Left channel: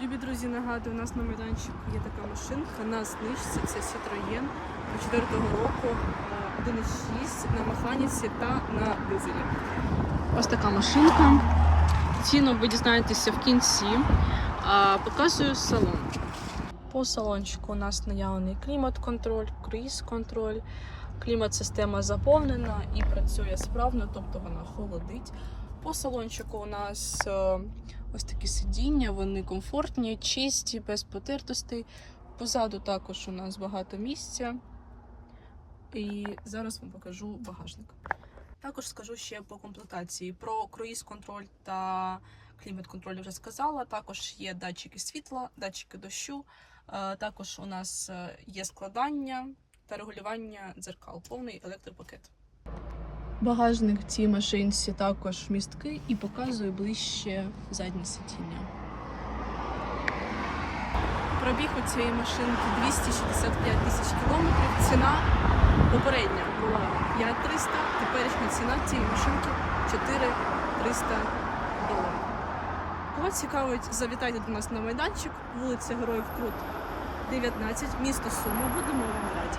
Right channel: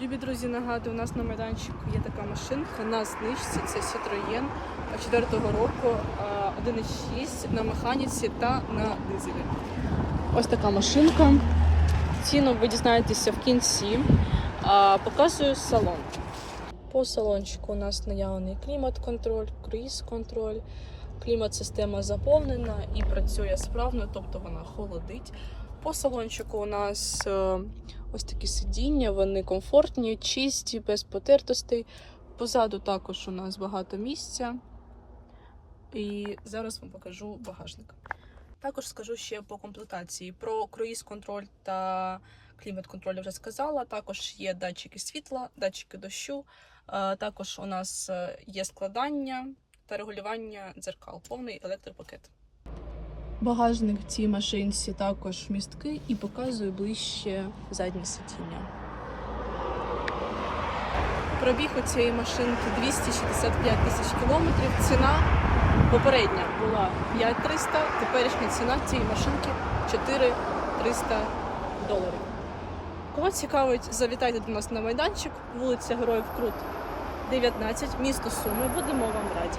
Любі друзі, нагадую, у нас на майданчику є така машинка на знижці. Це Citroën 4-го року, 1.6 на механіці та на дизелі. Ось така машинка. Ціну ви дізнаєтеся в кінці. Показую салон. По салончику у нас наявний клімат-контроль, круїз-контроль. Клімат-система заповнена і працює справно, тобто вона холодить. По салончику у нас е, ось такі сидіння, вони комфортні, чисті, без потертостей. Позаду також у нас багато місця. І зараз вам покажу багажник. Також скажу ще по комплектації. Про круїз-контроль та клімат-контроль вже сказала. Також є датчики світла, датчики дощу. Е, Також у нас е, є складання та регулювання дзеркал, повний електропакет. Багажник в цій машинці також місткий і показую ближче заднє сидіння. Пробіг у цієї машинки 265 тисяч кілометрів. Ціна попередня була 5300, теперішня ціна цієї машинки 4300 доларів. Кого цікавить, завітайте до нас на майданчик, вулиця Героїв Крут, 19, місто Суми. Будемо вам раді.